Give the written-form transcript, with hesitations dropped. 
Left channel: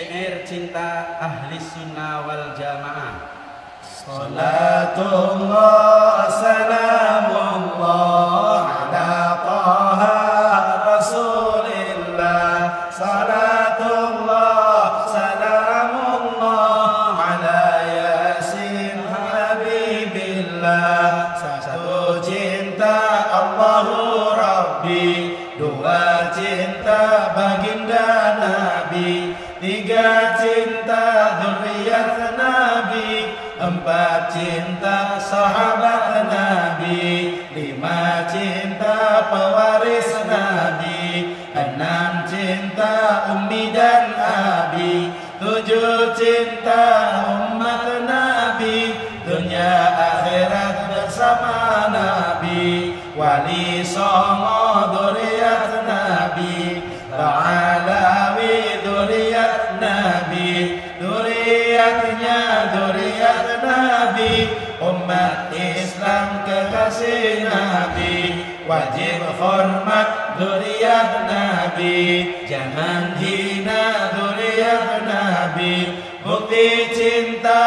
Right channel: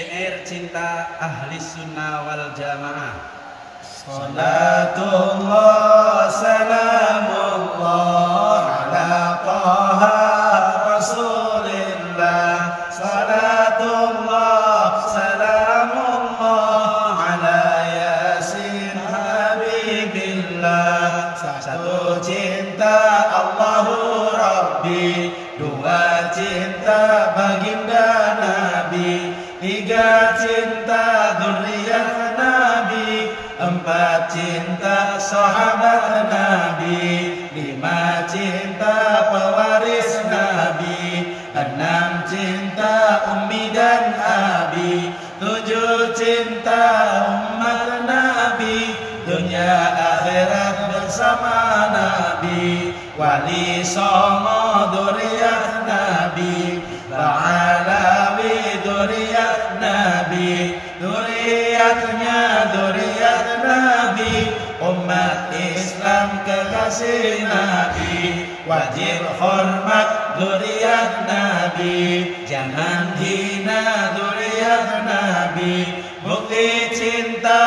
Syair cinta ahli sunnah wal jamaah. Salatullah salamullah ala taha rasulillah. Salatullah salamullah ala yasin habibillah. Satu cinta Allahu Rabbi, dua cinta baginda Nabi, tiga cinta dzurriyyat Nabi, empat cinta sahabat Nabi, lima cinta pewaris Nabi, enam cinta ummi dan abi, tujuh cinta umat Nabi, dunia akhirat bersama Nabi, wali songo dzurriyyat Nabi, Ba'alawi dzurriyyat Nabi, dzurriyyatnya dzurriyyat Nabi, umat Islam kekasih Nabi, wajib hormat dzurriyyat Nabi, jangan hina dzurriyyat Nabi, bukti cinta